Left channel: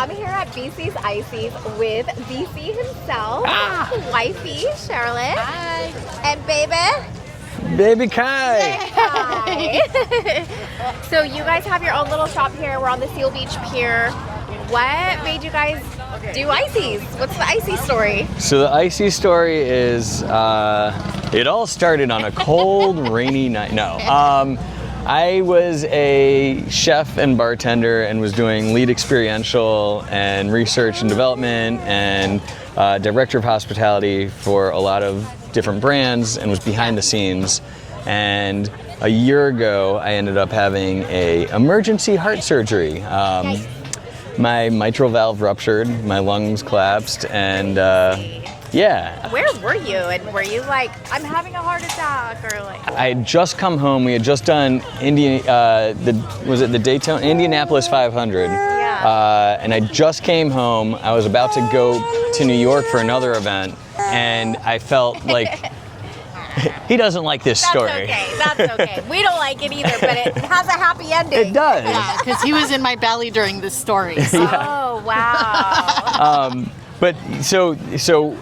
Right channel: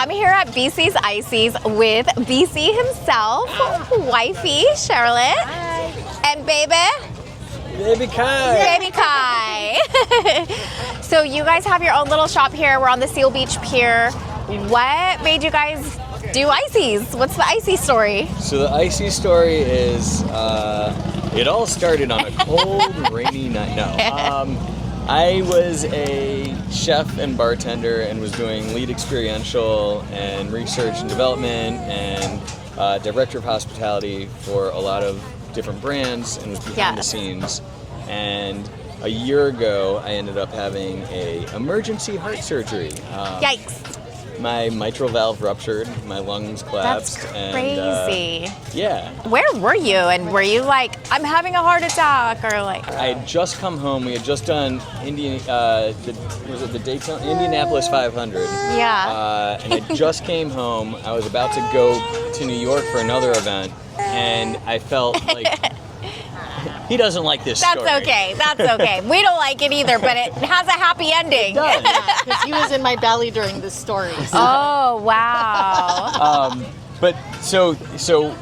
I'm here at BC's Icys with BC himself, wifey Charlotte, and Baby Kai. Baby Kai. So you guys have your own little shop here. We're on the Seal Beach Pier. What made you guys do Icys? What's the Icys story? So the Icys story is, it all started on a cold, rainy night. No. I was a chef and bartender and was doing lead experiential and research and development and director of hospitality for a lot of different brands and was behind the scenes. And a year ago, I ended up having a emergency heart surgery. Yikes. My mitral valve ruptured, my lungs collapsed, and yeah. Where were you? And were you like, I'm having a heart attack, or like? I had just come home. We had just done the Daytona Indianapolis 500. Yeah. And I just came home. I was about to go to New York for another event, and I felt like. He doesn't like this story. That's okay. We don't like it either, but it has a happy ending. It does. Because he was in my belly during this story. So. Oh, wow. But so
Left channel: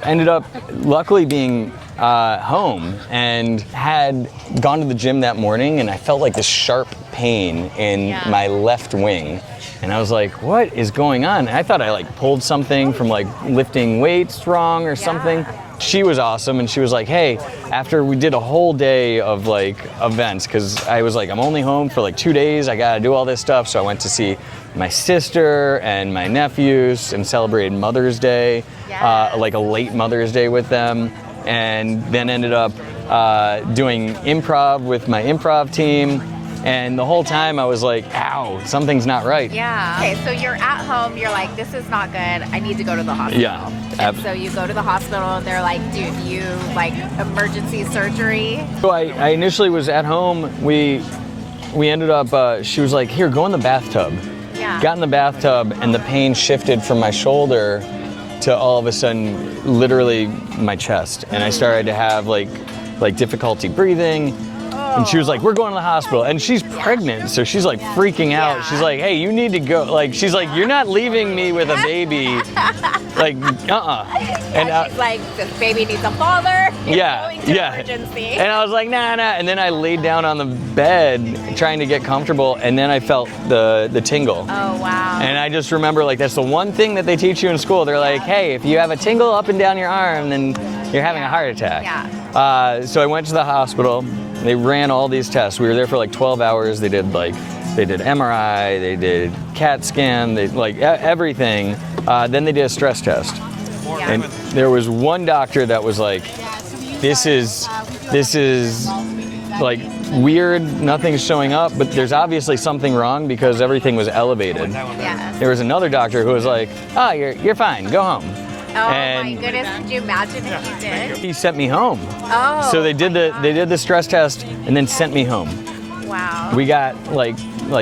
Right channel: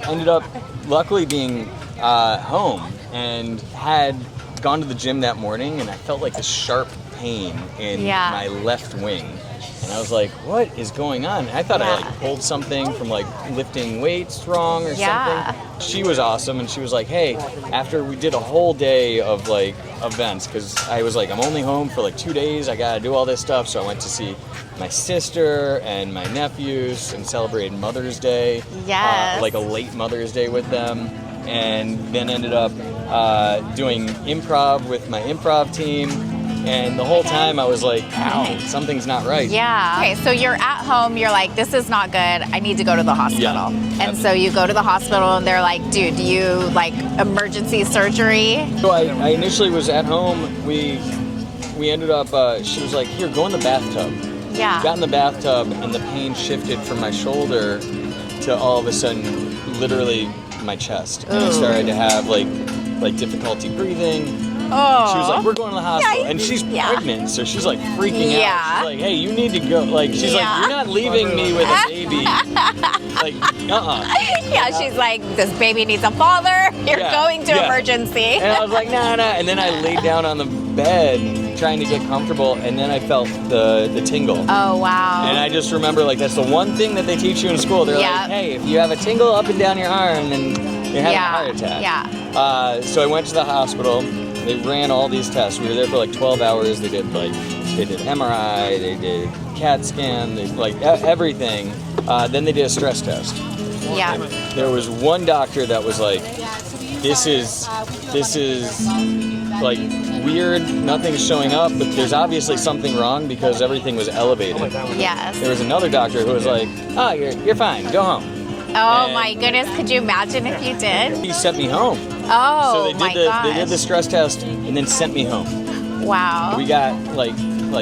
ended up luckily being home and had gone to the gym that morning, and I felt like this sharp pain in my left wing. And I was like, what is going on? And I thought I like pulled something from like lifting weights wrong or something. She was awesome, and she was like, hey, after we did a whole day of like events, because I was like, I'm only home for like 2 days, I gotta do all this stuff. So I went to see my sister and my nephews and celebrated Mother's Day, like a late Mother's Day with them, and then ended up doing improv with my improv team. And the whole time I was like, ow, something's not right. Yeah. Okay, so you're at home, you're like, this is not good, I need to go to the hospital. Yeah. And so you go to the hospital and they're like, dude, do you like emergency surgery? So I initially was at home. We ended up, she was like, here, go in the bathtub. Yeah. Got in the bathtub, and the pain shifted from my shoulder to all of a sudden, literally my chest. And I started to have like difficulty breathing. And she was like, we're going to the hospital. And she's pregnant, so she's like freaking out. She's like, hey, you need to go. Like, she's like, you're not leaving me with a baby. Like, Yeah, she's like, this baby needs a father. You're going to emergency. And I was like, nah. And then I laid down on the bed trying to get comfortable, and then I felt the tingle. Oh, wow. And I just remember, like, that's the one thing that they teach you in school. They're like, hey, if you have a tingle up and down your arm, then you're having a heart attack. Yeah. So I went to the hospital. They ran all these tests. We were there for like 12 hours. They did MRI, they did CAT scan, they like everything. Then they did a stress test. Yeah. And there was one doctor that was like, this is like weird, nothing's showing up, but there's obviously something wrong because everything was elevated. Yes. There was another doctor who was like, oh, you're fine, go home. Oh my goodness, could you imagine if you did? He sent me home. Oh, so they did the stress test and then sent me home. Wow. We got like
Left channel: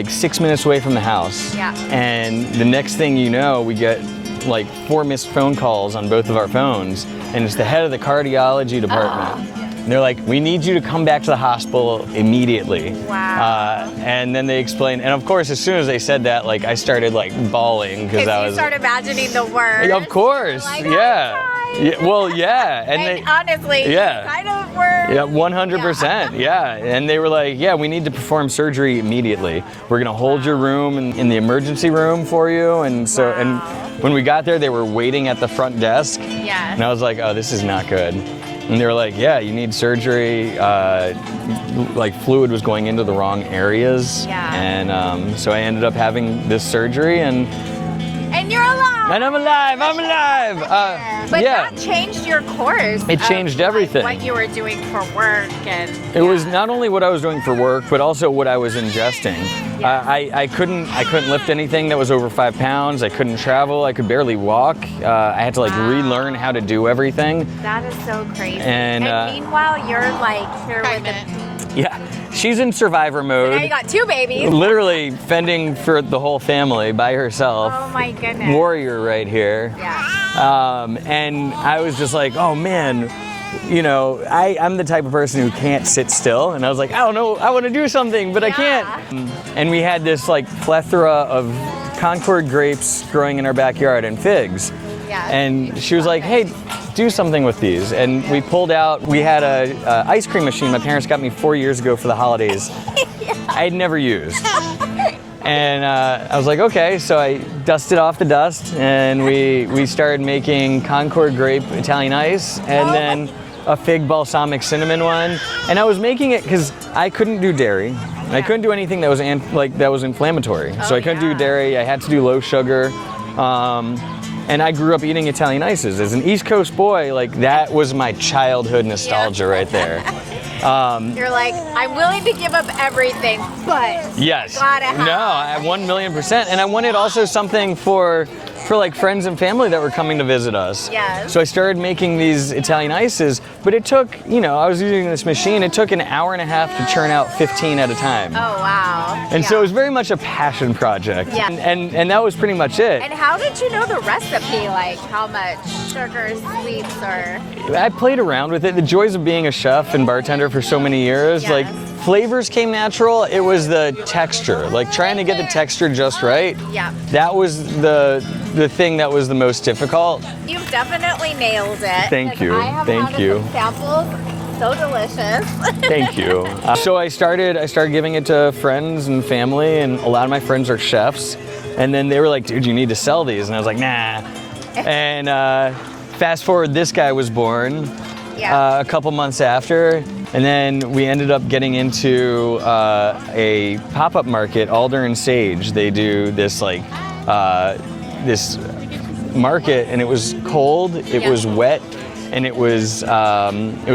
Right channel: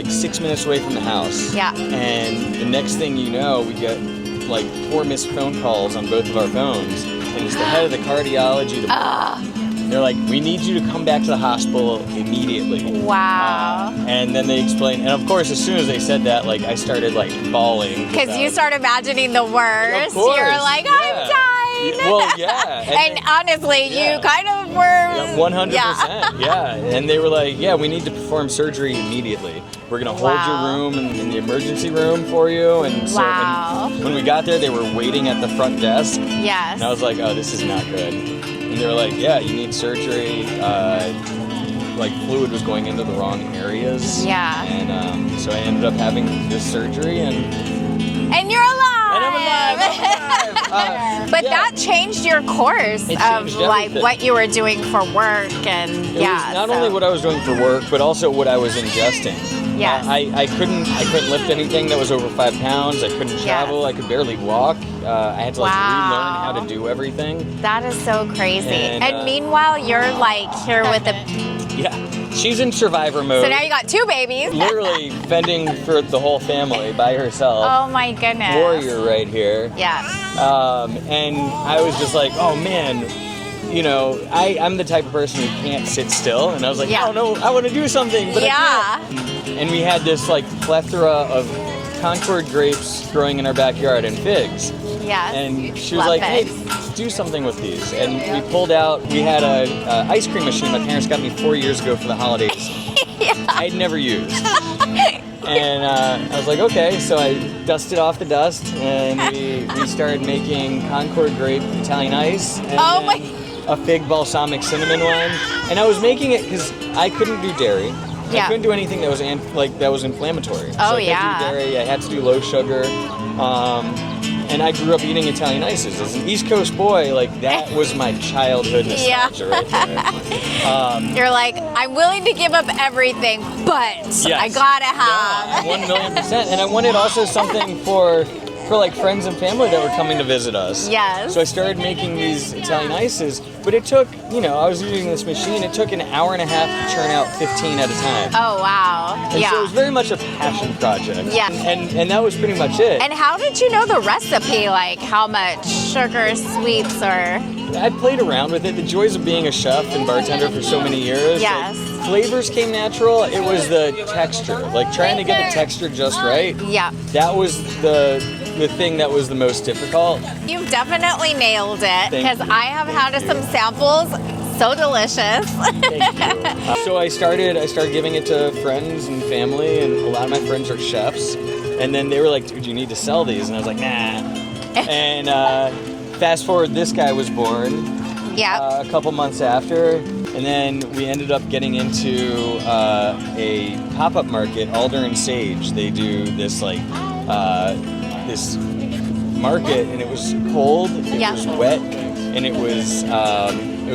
6 minutes away from the house. Yeah. And the next thing you know, we get like 4 missed phone calls on both of our phones, and it's the head of the cardiology department. And they're like, we need you to come back to the hospital immediately. Wow. And then they explained, and of course, as soon as they said that, like I started like bawling. Because you start imagining the worst. Of course. You're like, I'm yeah. dying. Well, yeah. And honestly, you kind of were. Yeah, 100%. Yeah. And they were like, yeah, we need to perform surgery immediately. We're going to hold your room in the emergency room for you. And so, and when we got there, they were waiting at the front desk. Yes. And I was like, oh, this is not good. And they were like, yeah, you need surgery. Like fluid was going into the wrong areas. Yeah. And so I ended up having this surgery, and you're alive. And I'm alive. But that changed your course. It changed everything. Like what you were doing for work, and it was not only what I was doing for work, but also what I was ingesting. Yeah. I couldn't lift anything that was over 5 pounds. I couldn't travel. I could barely walk. I had to like relearn how to do everything. That is so crazy. And meanwhile, you're like here with a. Yeah, she's in survivor mode. So now you got 2 babies. Literally fending for the whole family by herself. Oh my goodness. Warrior right here. Yeah. And I was just like, oh man, you know, I'm the type of person who can't sit still. And I was like, oh no, I want to do something, but I can't. And we had this like plethora of Concord grapes growing in our backyard and figs. Yes. And she was Love like, figs. hey, do something with these. And we pulled out, we had a ice cream machine my parents got me 4 years ago for the holidays. I'd never used. And I was like, okay, so I dusted off the dust and we started making Concord grape Italian ice and then a fig balsamic cinnamon one. And I was making it because I couldn't do dairy. I couldn't do anything that was that was inflammatory. So I couldn't do dairy, I had to do low sugar. And I grew up eating Italian ices. As an East Coast boy, like that was my childhood nostalgia right there. You're like, I'm willing to give up everything, but I gotta have. No, 1,000,000%. And I wanted also something for like friends and family that were coming to visit us. Yes. So I started making these Italian ices, but it took, I was using this machine, it took an hour and a half to churn out 15 at a time. Oh, wow. And so it was very much a passion project. Yeah. And that was pretty much it. And how did you know the recipe? Like how much sugar, sweets, or? I played around with it. The joys of being a chef and bartender for so many years. Yes. Like flavors came natural. It was the texture. Like trying to get the texture just right. Yeah. That was the thing that was the most difficult. You've definitely nailed it. Thank you. I have had some samples. So delicious. Thank you. So I started giving it to friends and family, and a lot of my friends are chefs. And then they were like, dude, you need to sell these. And I was like, nah. And fast forward, this guy was born a couple months after. And then we ended up getting into a pop-up market, Alder and Sage. They do this this market, and it was cold, it was wet, and it was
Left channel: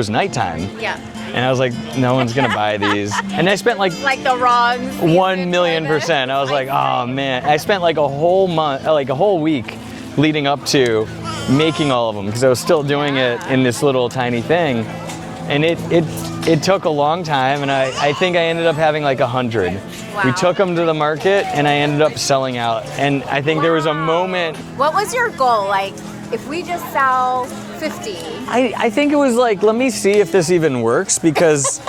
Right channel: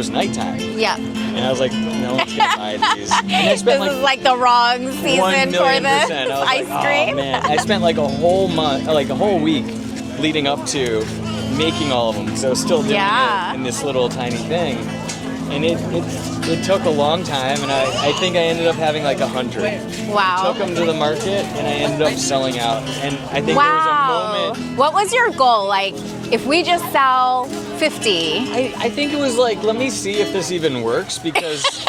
nighttime. Yeah. And I was like, no one's gonna buy these. And I spent this is like the wrong season 1,000,000%. I was like, oh man. I spent like a whole month, like a whole week leading up to making all of them because I was still doing it in this little tiny thing. And it took a long time, and I think I ended up having like 100. Wow. We took them to the market, and I ended up selling out. And I think there was a moment. What was your goal? Like, if we just sell 50? I think it was like, let me see if this even works because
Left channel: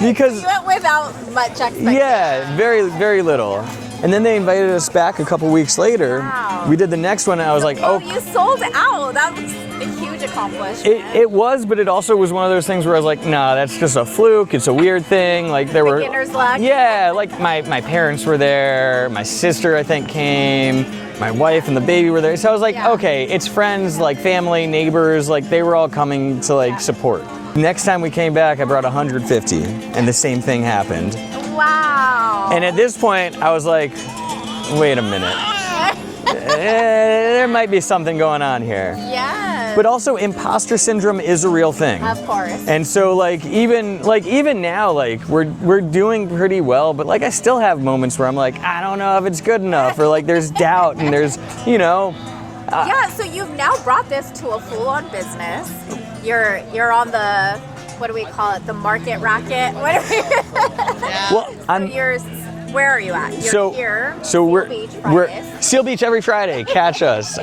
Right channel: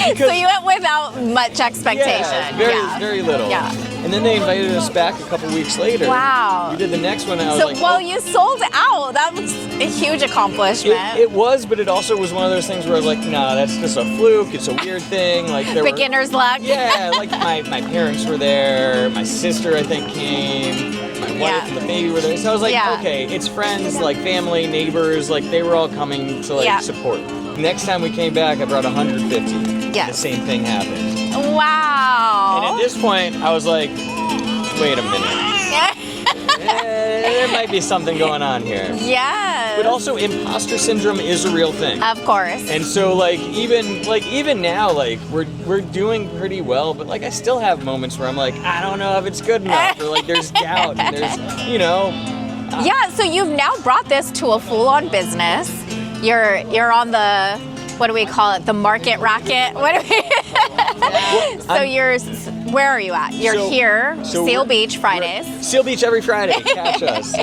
So you went without much expectation. Yeah, very little. Yeah. And then they invited us back a couple weeks later. Wow. We did the next one, and I was like, you sold out. That was a huge accomplishment. It was, but it also was one of those things where I was like, nah, that's just a fluke. It's a weird thing. Like beginner's luck. Yeah, like my parents were there. My sister, I think, came. My wife and the baby were there. So I was like, okay, it's friends, like family, neighbors, like they were all coming to like support. Next time we came back, I brought 150, and the same thing happened. Wow. And at this point, I was like, wait a minute. There might be something going on here. Yes. But also, imposter syndrome is a real thing. Of course. And so, even now, like we're doing pretty well, but like I still have moments where I'm like, I don't know if it's good enough, or like there's doubt, and there's, yeah. So you've now brought this to a full-on business. You're on the, what do we call it? The market racket. What do we? Where are you at? You're here, Seal Beach Fridays. Seal Beach every Friday, catch us.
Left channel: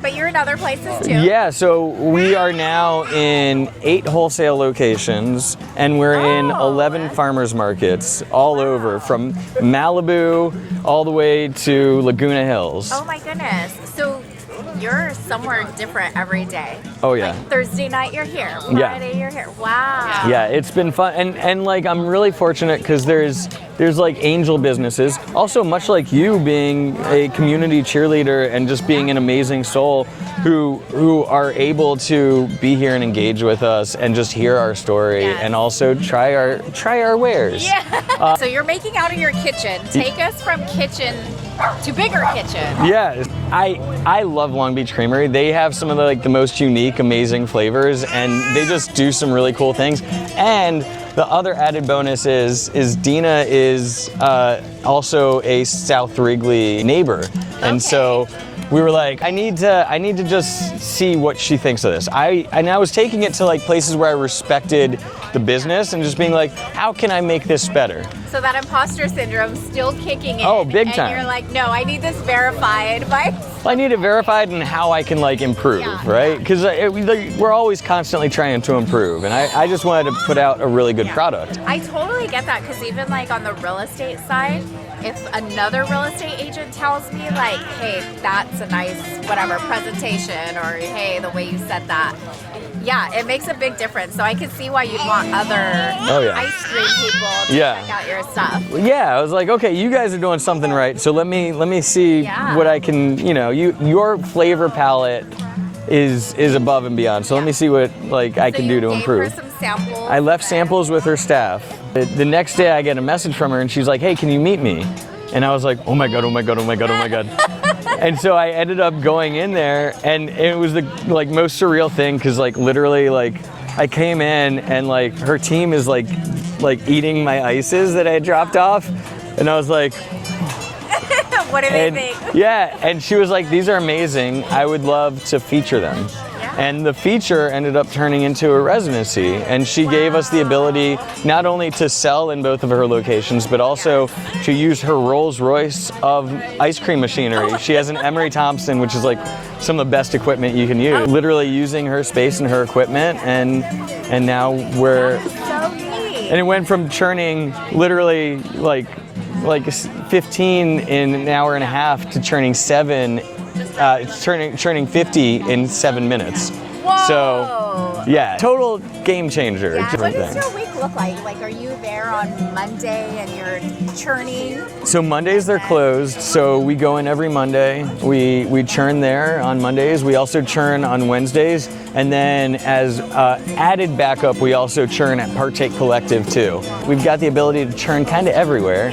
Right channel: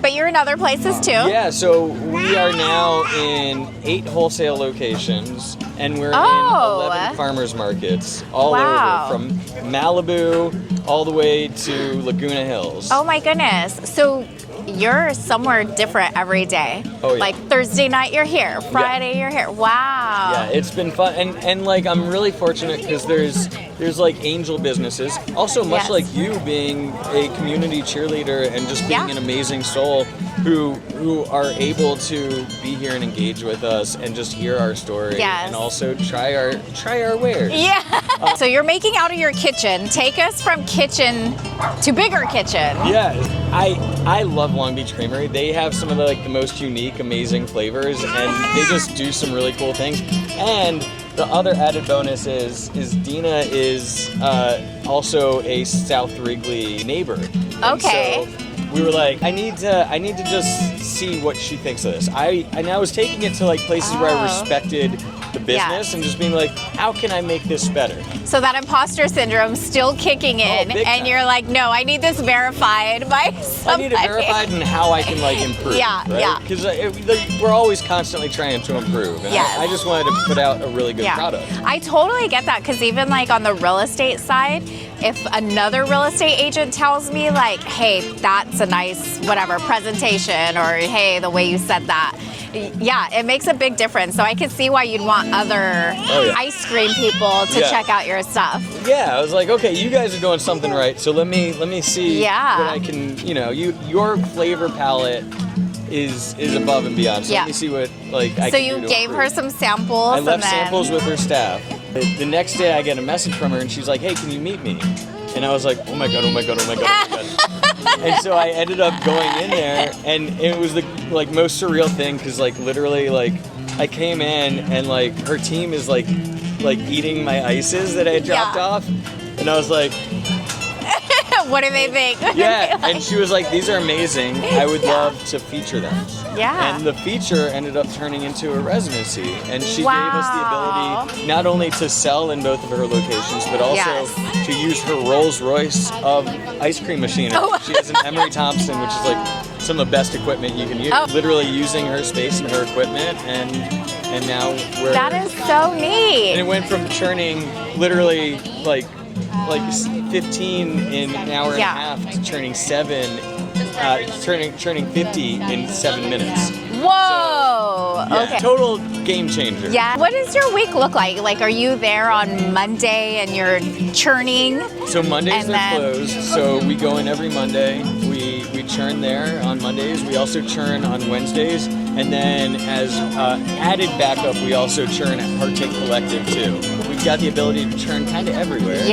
But you're in other places too? Yeah, so we are now in 8 wholesale locations, and we're in 11 farmers markets all over, from Malibu all the way to Laguna Hills. Oh my goodness. So you're somewhere different every day. Oh yeah. Like Thursday night you're here, Friday you're here. Wow. Yeah, it's been fun, and like I'm really fortunate because there's like angel businesses. Also, much like you, being a community cheerleader and just being an amazing soul who are able to be here and engage with us and just hear our story and also try our wares. Yeah. So you're making out of your kitchen. Take us from kitchen to bigger kitchen. Yeah. I love Long Beach Creamery. They have some of the most unique, amazing flavors, and they just do some really cool things. And the other added bonus is Dina is also a South Wrigley neighbor, and so we were like, I need to just see what she thinks of this. I was taking it to like places where I respected the business and just being like, how can I make this better? So that imposter syndrome still kicking in, big time. And you're like, no, I need this verified by somebody. I need it verified and how I can like improve, right? Because we're always constantly trying to improve, and I just wanted to put out a really good product. I totally get that, because even like on the real estate side, if another real estate agent tells me like, hey, that's a nice whatever presentation, or hey, the way you said that, yeah, it makes a big difference. So I can see why you'd want other ice cream people to check out your stuff. Yeah, I was like, okay, you guys are doing something right. So let me see what I can, your flavor palette is above and beyond. So let me see what I can do to improve. So you gave her some samples. I left samples with her staff. The next day I get a message from her and she's like, hey, can you meet me? And I was like, oh my God. And so I ended up going in there, and it was the most surreal thing, because literally I came in and her team is eating my Icys that I had dropped off, and I was like, what do they think? Yeah, and she was like, these are amazing. I would love to feature them. Yeah. And the feature ended up turning into a residency, and she gave us the ability not only to sell in both of her locations, but also to use her Rolls Royce of ice cream machinery. She has an Emery Thompson, which is some of the best equipment you can use. Literally using her space and her equipment, and now we're... That is so neat. And it went from churning literally like 15 in an hour and a half to churning 50 in 7 minutes. Whoa! So, yeah, total game changer. Yeah. What does your week look like? Are you there on Monday and you're churning? So Mondays they're closed. So we go in every Monday. We churn there on Mondays. We also churn on Wednesdays. And then as added backup, we also churn at Partake Collective too. We've got the ability to churn kind of everywhere.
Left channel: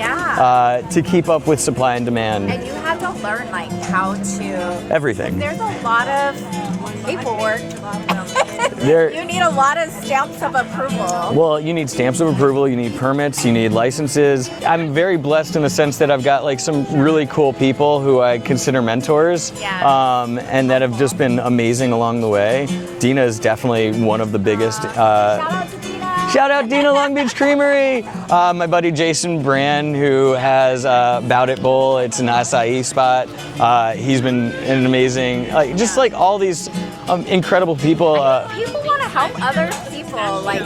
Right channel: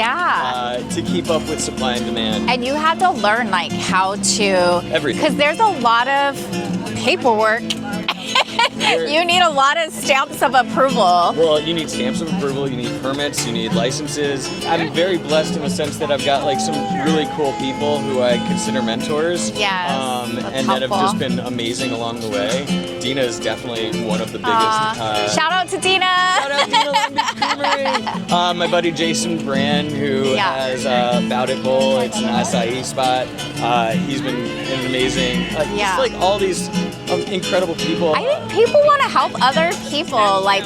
To keep up with supply and demand. And you have to learn how to... Everything. Because there's a lot of paperwork. You need a lot of stamps of approval. Well, you need stamps of approval, you need permits, you need licenses. I'm very blessed in the sense that I've got some really cool people who I consider mentors. And that have just been amazing along the way. Dina is definitely one of the biggest. Shout out to Dina. Shout out Dina, Long Beach Creamery. My buddy Jason Brand, who has Bout It Bowl. It's an acai spot. He's been an amazing, just all these incredible people. People want to help other people.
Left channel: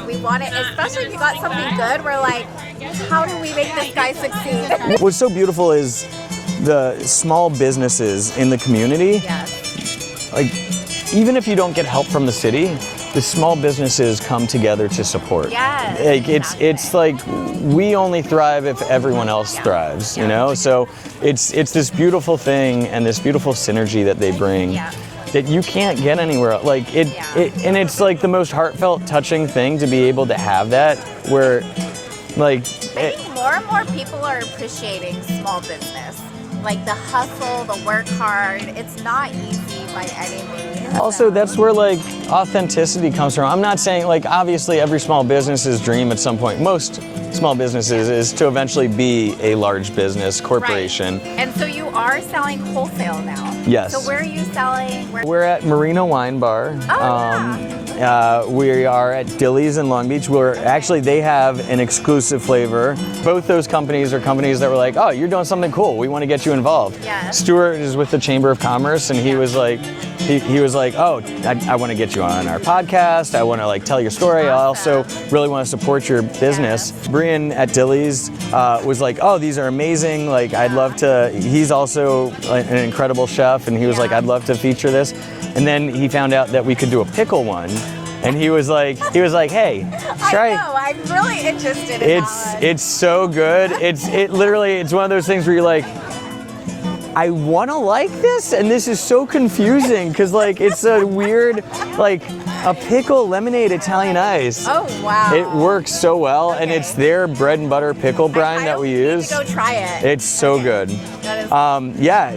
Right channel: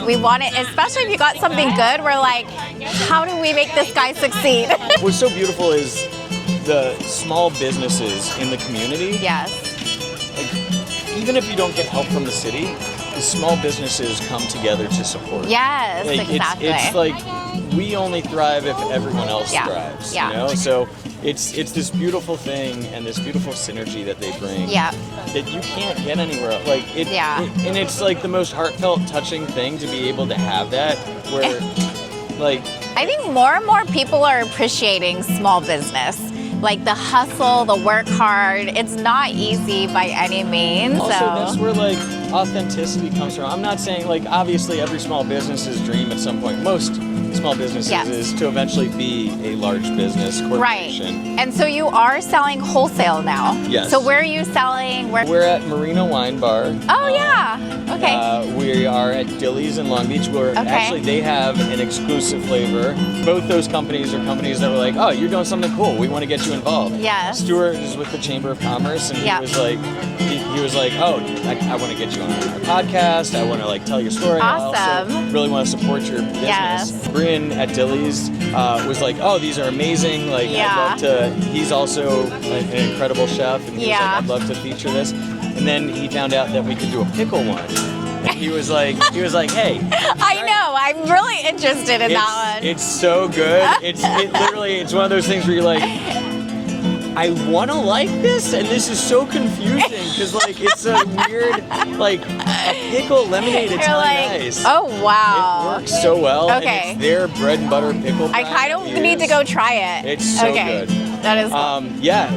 We want it, especially if you got something good. We're like, how do we make this guy succeed? What's so beautiful is the small businesses in the community. Yes. Even if you don't get help from the city, the small businesses come together to support. Yes, exactly. It's we only thrive if everyone else thrives, So it's this beautiful thing and this beautiful synergy that they bring. That you can't get anywhere else. And it's the most heartfelt, touching thing to be able to have that, where I think more and more people are appreciating small business. The hustle, the work hard, it's not easy by any means. Also, that's where authenticity comes from. I'm not saying obviously every small business's dream at some point, most small businesses, is to eventually be a large business corporation. Right. And so you are selling wholesale now. Yes. So where are you selling? We're at Marina Wine Bar. Oh, yeah. Okay. We are at Dilly's in Long Beach. Actually, they have an exclusive flavor. Both those companies are companies that were like, oh, you're doing something cool. We want to get you involved. Yes. Stuart is with the Chamber of Commerce, and he was like, he was like, oh, I want to get you on our podcast. I want to tell your story. Awesome. I also really want to support your business. Yes. Brian at Dilly's was like, oh, these are amazing. I'd love to. He's also an incredible chef, and he was like, I'd love to feature this. And then he found out that we could do a pickle one. And he was like, hey, try. I know, I'm really interested in that one. It's so good. It's one of those things where you're like, I want to like this, and this is so confusing because it's a weird a pickle lemonade Italian ice. Oh wow! It works so well, and it's their bread and butter pickle brine that we use. I need to go try it. It's so good. That is.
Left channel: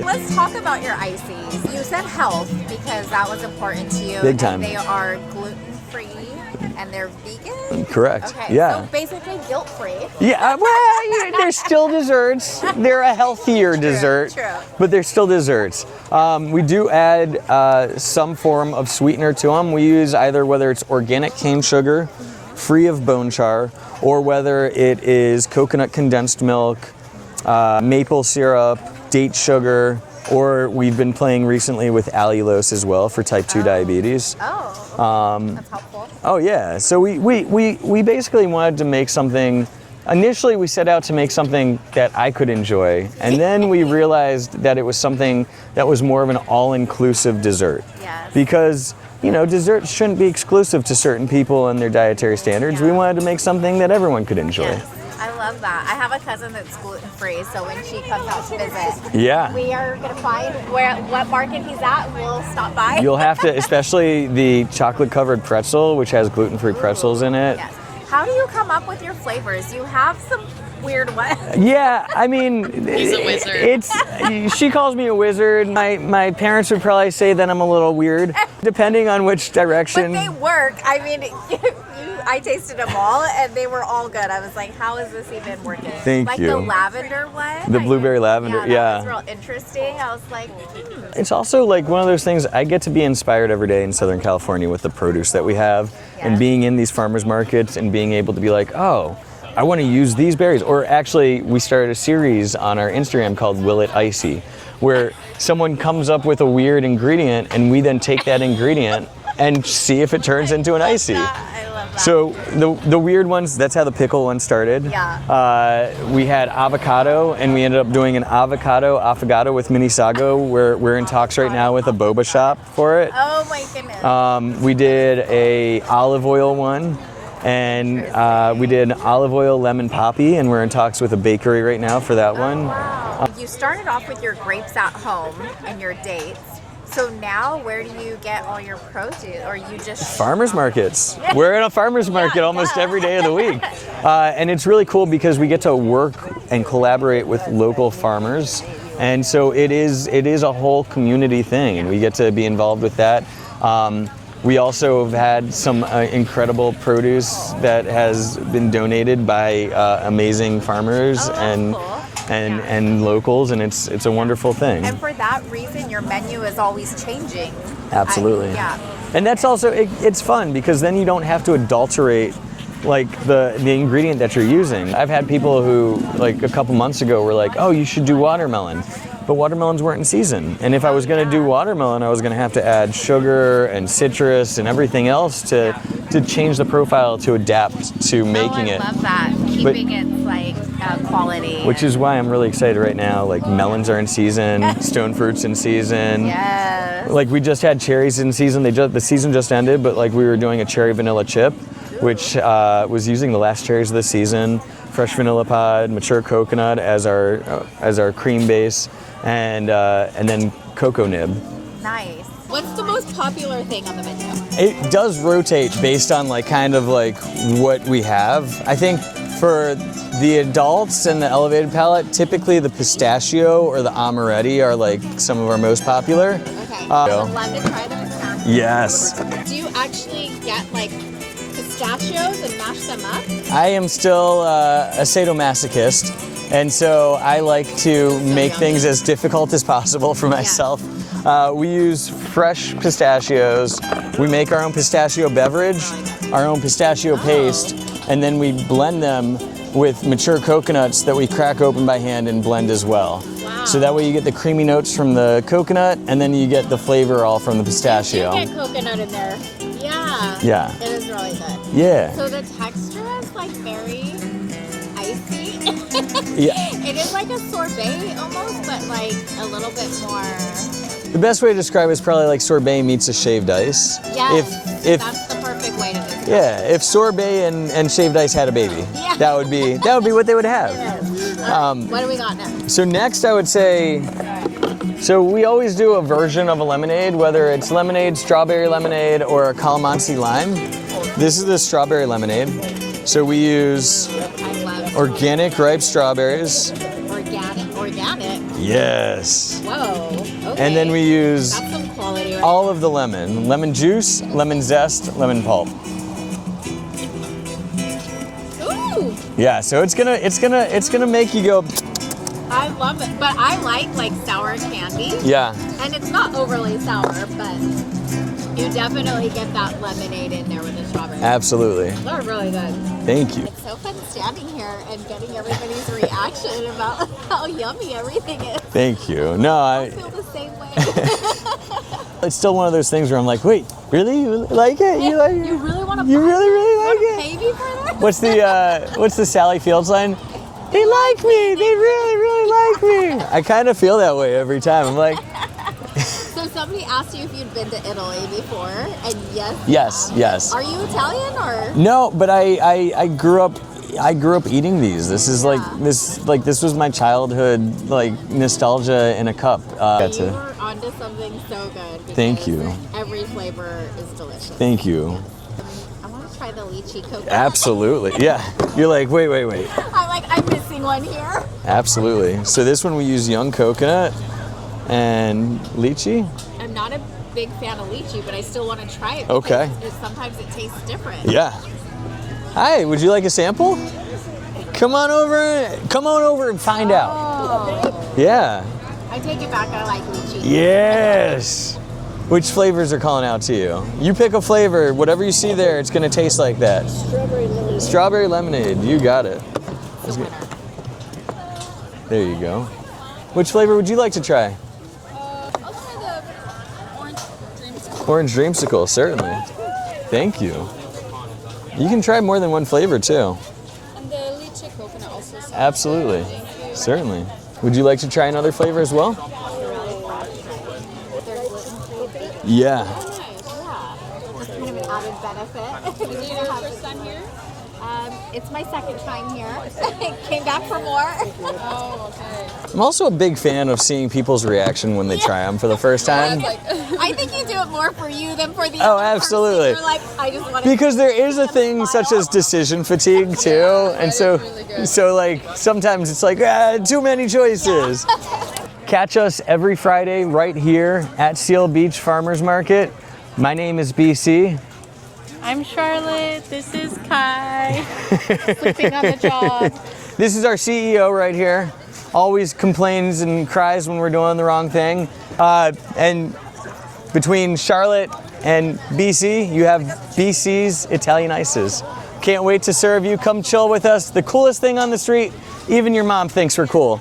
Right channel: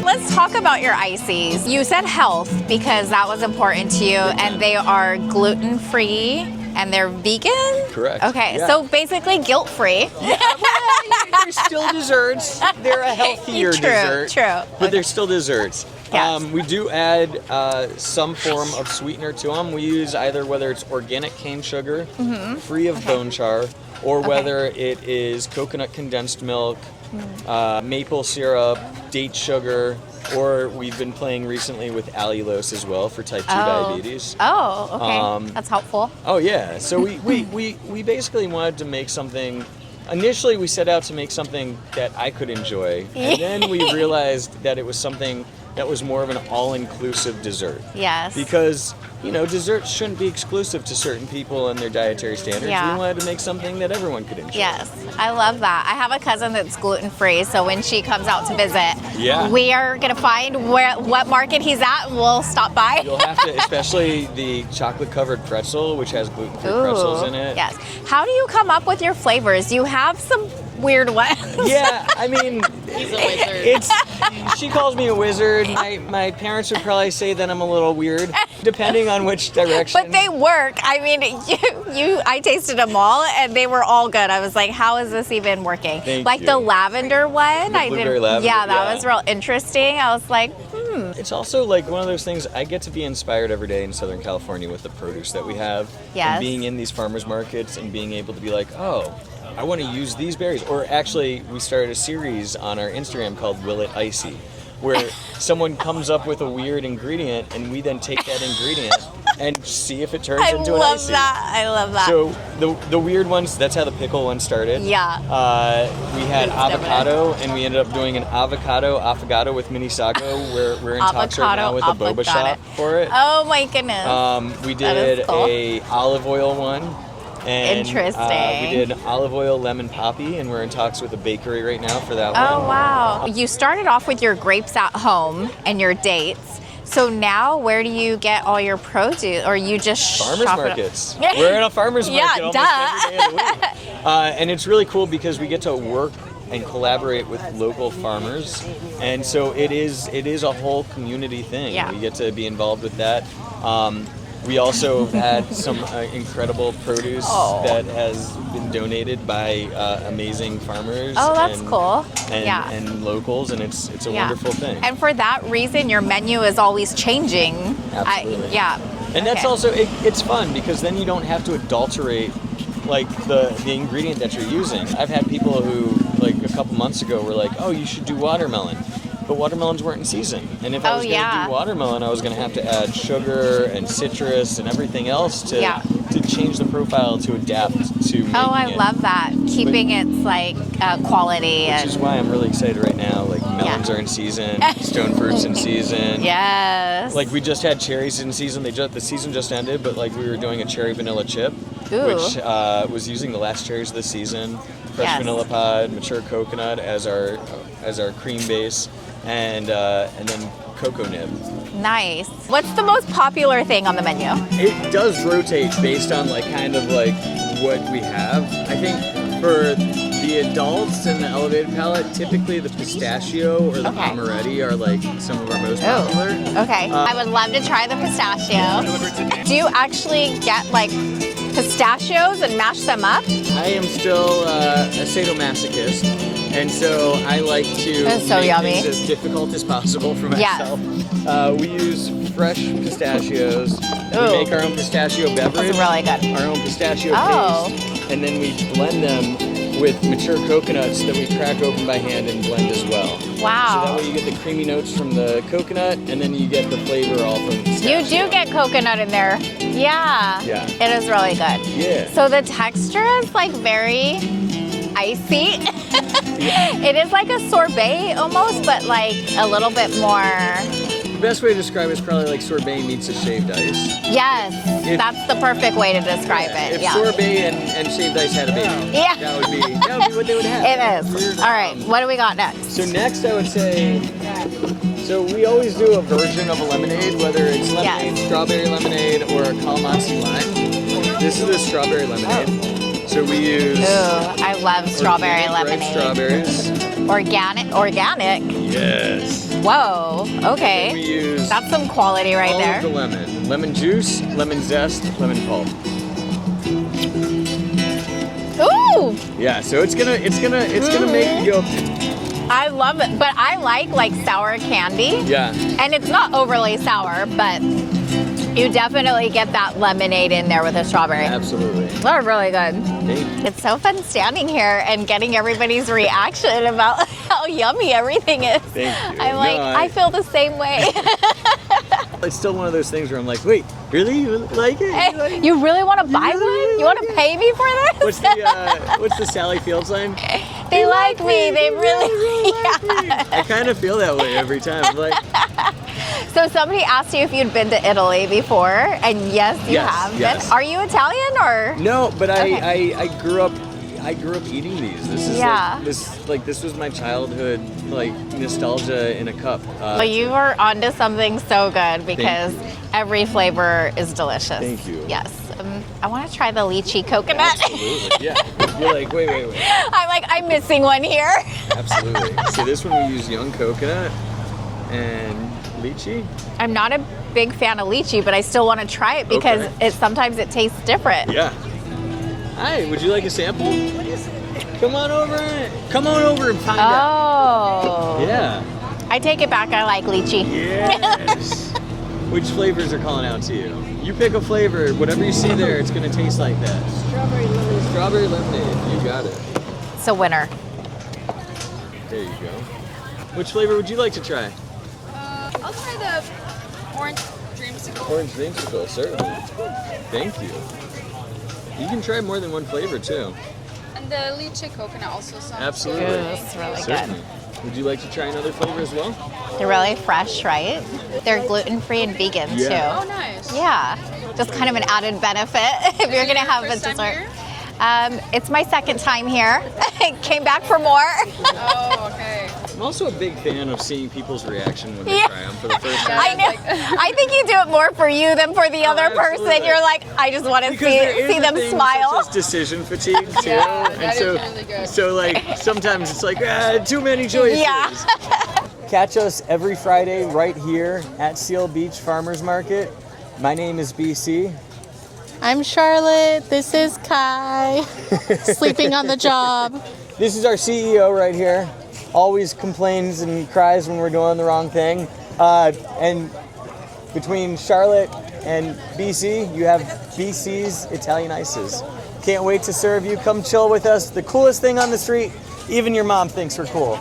Let's talk about your Icys. You said health because that was important to you, and they are gluten free. And they're vegan? Correct. Okay, yeah. So basically guilt-free. Yeah, well, they're still desserts. They're a healthier dessert. True. But they're still desserts. Yes. We do add some form of sweetener to them. We use either whether it's organic cane sugar, free of bone char, or whether it is coconut condensed milk, maple syrup, date sugar, or we've been playing recently with allulose as well for type 2 diabetes. Oh, okay. That's helpful. Oh yeah. So we basically wanted to make something initially we set out to make something that I could enjoy, and then we realized that it was something that was more of an all-inclusive dessert. Yes. Because, you know, desserts shouldn't be exclusive to certain people and their dietary standards. Yeah. We wanted to make something that everyone could enjoy. Yes. I love that. I have a cousin that's gluten-free, so when she comes out to visit, we are gonna find what market he's at, and we'll stop by. You'll have to, especially the chocolate-covered pretzel, which has gluten-free pretzels in it. Yes. How do you come up with your flavors? You have some weird ones. Yeah, I mean, He's a wizard. she calls me a wizard. My parents would probably say that I'm a little weird, depending on which direction. But they work. I mean, I tasted them all, and they were all good. I was like, how is this even working? Thank like you. the lavender one. The blueberry lavender, Yeah, that was real interesting. I was like, It's also like one of those things, I get to be inspired every day in Southern California with the produce that we have. Yes. And being in these farmers markets and being able to be like, oh, I want to use these berries. Or actually, we started a series on our Instagram called Will It Icy, where someone comes up with a weird ingredient and we then take that ingredient and see if it turns into an icy. I love that. So the weird ones, that's how the pickle one started. Yeah. We had avocado, and we ended up doing an avocado with mini sago. We're in talks right now with a boba shop for it. Oh my goodness. We did cool. a olive oil one. And Interesting. we did olive oil lemon poppy, and we're in talks with a bakery right now for that one. Oh wow. You started off with your grapes at home and your dates. So now, where do you get all your produce, or you just farmers shop it? markets? We're in a farmers market almost duh. every day of the week, and it's really cool because we get to work and collaborate with local farmers, and so it is a whole community thing. Yeah. We get to be involved with that. We also have had some incredible produce that has been donated by amazing farmers cool. and locals, and it's a wonderful thing. And for that reason, your menu is always changing. Absolutely. And that's Okay. also, it's fun because then you don't have to adulterate like the ingredient that you're using. I've had people who, like a couple months ago, were like, oh, you should do watermelon. But watermelons weren't in season. And if I was going to do watermelon, I was going to have to add sugar and citrus and everything else to change the profile to adapt to making it. I love that. Keeping its like quality. Which is why I'm really excited right now. Like melons are in season, stone fruit's in season. Yes. Like we just had cherries in season. The season just ended, but like we were doing a cherry vanilla chip, which was using the last cherries of the season, fresh vanilla pod, mature coconut as our cream base, and then cocoa nib. Nice. What's the most popular thing on the menu? It does rotate based on like kind of like what we have. I think for the adults and the elevated palate, typically the pistachio or the amaretti are like some of our most popular. Okay. I would love to try the pistachio. Yes. Do you actually get like pistachios and mash them up? I am still a sadomasochist, and so I like to make things as difficult as possible for myself. We use fresh pistachios. We make our own pistachio beverage, really good. our own pistachio paste, and then we blend them with mature coconuts that we crack open by hand and blend as well. Wow. So that way you get the creamy notes from the coconut, and then you get the flavor all from the pistachio. You do get coconut in there. Yeah. Yeah. It is really good. Yeah. So the texture is like very icy. Yeah. It is like a sorbet almost, but like a little bit more. The best way to describe it is probably like sorbet meets a shaved ice. Yes, that's the perfect way to describe it. If sorbet and shaved ice had a baby, that would be what they would have. It is. All right, what do we got next? So next I would say, so we always do a version of a lemonade, whether it's lemonade, strawberry lemonade, or a calamansi lime. This is the strawberry lemonade. So we use I love strawberry organic ripe strawberries. Organic? Yes. Whoa, okay. And then we use that's some quality right all there. of the lemon juice, lemon zest, lemon pulp. Ooh! Yeah, so it's gonna make you go. I love it, but I like sour candy. Yeah. And it's not overly sour, but you definitely get that lemonade in there with the strawberry. Absolutely. They're really good. Thank you. It's so fun standing here and getting everybody's reaction about how yummy everything is. Thank you. I feel the same way. It's still one of those things where I'm like, wait, Really? You like it? You like it? You really want to buy really, one? really You want like to pay me for this? What's the Sally Fields line? They like me. They really like me. I kind of feel that way every time. I'm like, So somebody asked you if you'd been to Italy before, and yes, you have. Yes. Are you Italian or? no, but I grew up eating these. This is Yeah. this was my childhood nostalgia in a cup. But you are onto something so good because you. every flavor is delicious. Thank you. Yes. I want to try the lychee coconut. Absolutely. Yeah. You're like, wait. I'm like, I'm missing one here. Absolutely. So this one we use young coconut and lychee. I'm not a big fan of lychee, but I still want to try it because sometimes it tastes different. Yeah. Hi, would you like a sample? Come on over and find out. Oh. Yeah. I take it back. I like lychee. Yes. Which flavors are calling out to you? You pick a flavor, whatever you see there, it's gonna taste like that. Strawberry lemonade. Strawberry lemonade, you got it. It's a winner. There you go. Which flavor would you like to try? I'll try the orange dreamsicle. Orange dreamsicle, certainly. Thank you. You can try more than one flavor too. And the lychee coconut also sounds Absolutely. good. It's really Certainly. Would you like to try another flavor as well? They're really fresh, right? They're gluten-free and vegan Yeah. too. Oh, nice. Yeah, just kind of an added benefit if you're gonna have a First time dessert. here? It's my second time here. Came back for more. Oh, okay. I'm also a big fan of seeing people's reaction when they Yeah. try them for the first I time. know. I think you do it more for you than for the other absolutely. person. You're like, I just want to Because see, there is see a them thing smile. such as decision fatigue too, and that so is really good. so like sometimes it's like too many choices. Catch us every Friday right here at Seal Beach Farmers Market. My name is BC. I'm Charlotte. This is Kai. Sleeping on the job. This is our CEO right here. Always complains and cries when we're doing the wrong thing. And between Charlotte and BC, you have BC's Italian Icys. Can't wait to serve you. Come chill with us. The coolest thing on the street. Even your mom thinks we're cool.